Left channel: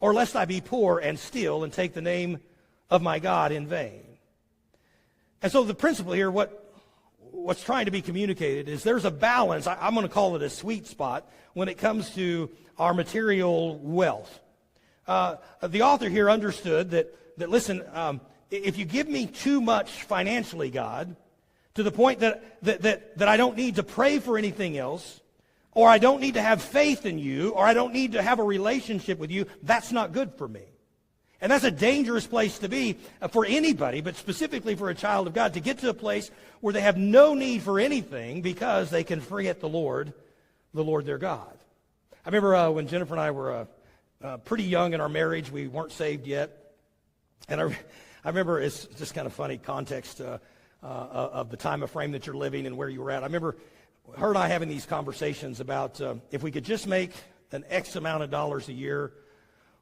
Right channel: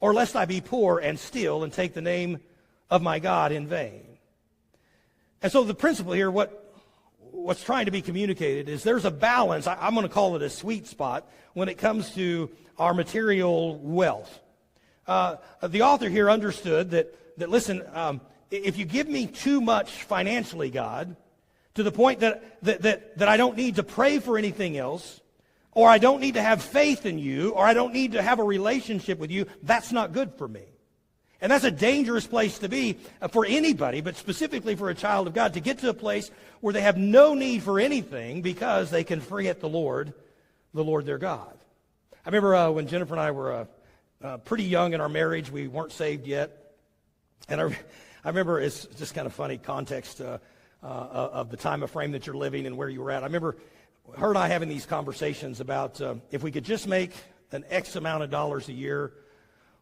or lest I be poor and steal and take the name of my God in vain. And so the principle here, what's trying to be communicated is there's a balance. I'm going to call it a sweet spot when it comes to our material wealth. The author here understood that listen, if you give me too much financially, God, to the point that I don't need to pray for anything else, or I don't need to have faith in you, or I don't need to have a relationship with you, that's not good for me. And that's a dangerous place to be for anybody, but specifically for a child of God, to get to a place where they have no need for anything because they can forget the Lord their God. I remember when Jennifer and I were pretty young in our marriage, we weren't saved yet. And I remember, it's just kind of funny context of the time of frame that you're living and where you were at. I remember her and I having these conversations about if we could just make an X amount of dollars a year,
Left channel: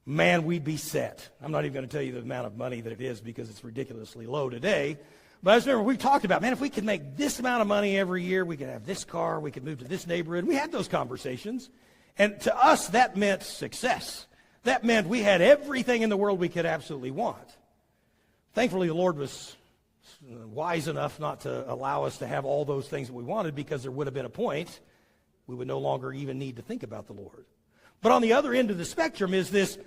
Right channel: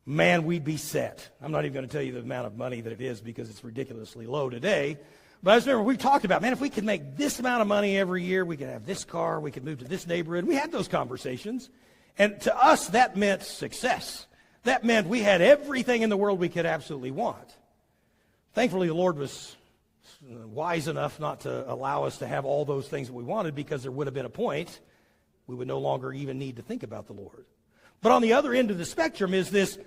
man, we'd be set. I'm not even going to tell you the amount of money that it is because it's ridiculously low today. But I just remember we talked about, man, if we could make this amount of money every year, we could have this car, we could move to this neighborhood. We had those conversations. And to us, that meant success. That meant we had everything in the world we could absolutely want. Thankfully, the Lord was wise enough not to allow us to have all those things that we wanted, because there would have been a point we would no longer even need to think about the Lord. But on the other end of the spectrum is this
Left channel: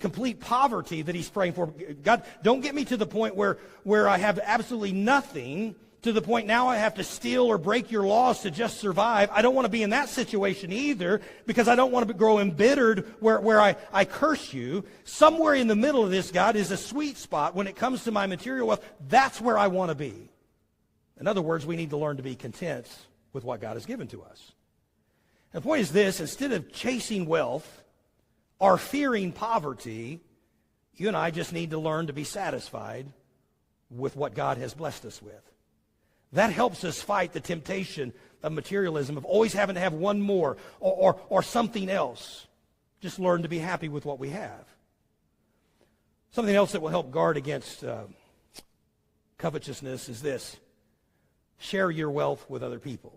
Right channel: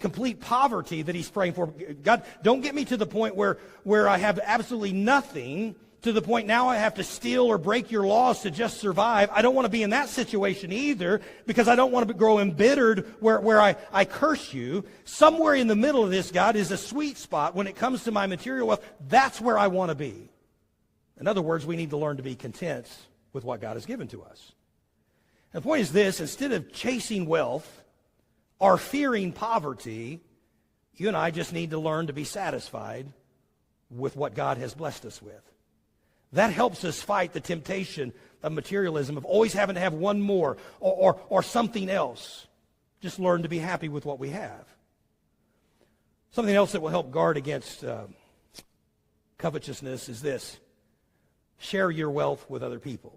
complete poverty that he's praying for. God, don't get me to the point where I have absolutely nothing, to the point now I have to steal or break your laws to just survive. I don't want to be in that situation either, because I don't want to grow embittered where I curse you. Somewhere in the middle of this, God, is a sweet spot when it comes to my material wealth. That's where I want to be. In other words, we need to learn to be content with what God has given to us. And the point is this: instead of chasing wealth or fearing poverty, you and I just need to learn to be satisfied with what God has blessed us with. That helps us fight the temptation of materialism, of always having to have one more or something else. Just learn to be happy with what we have. Something else that will help guard against covetousness is this: share your wealth with other people.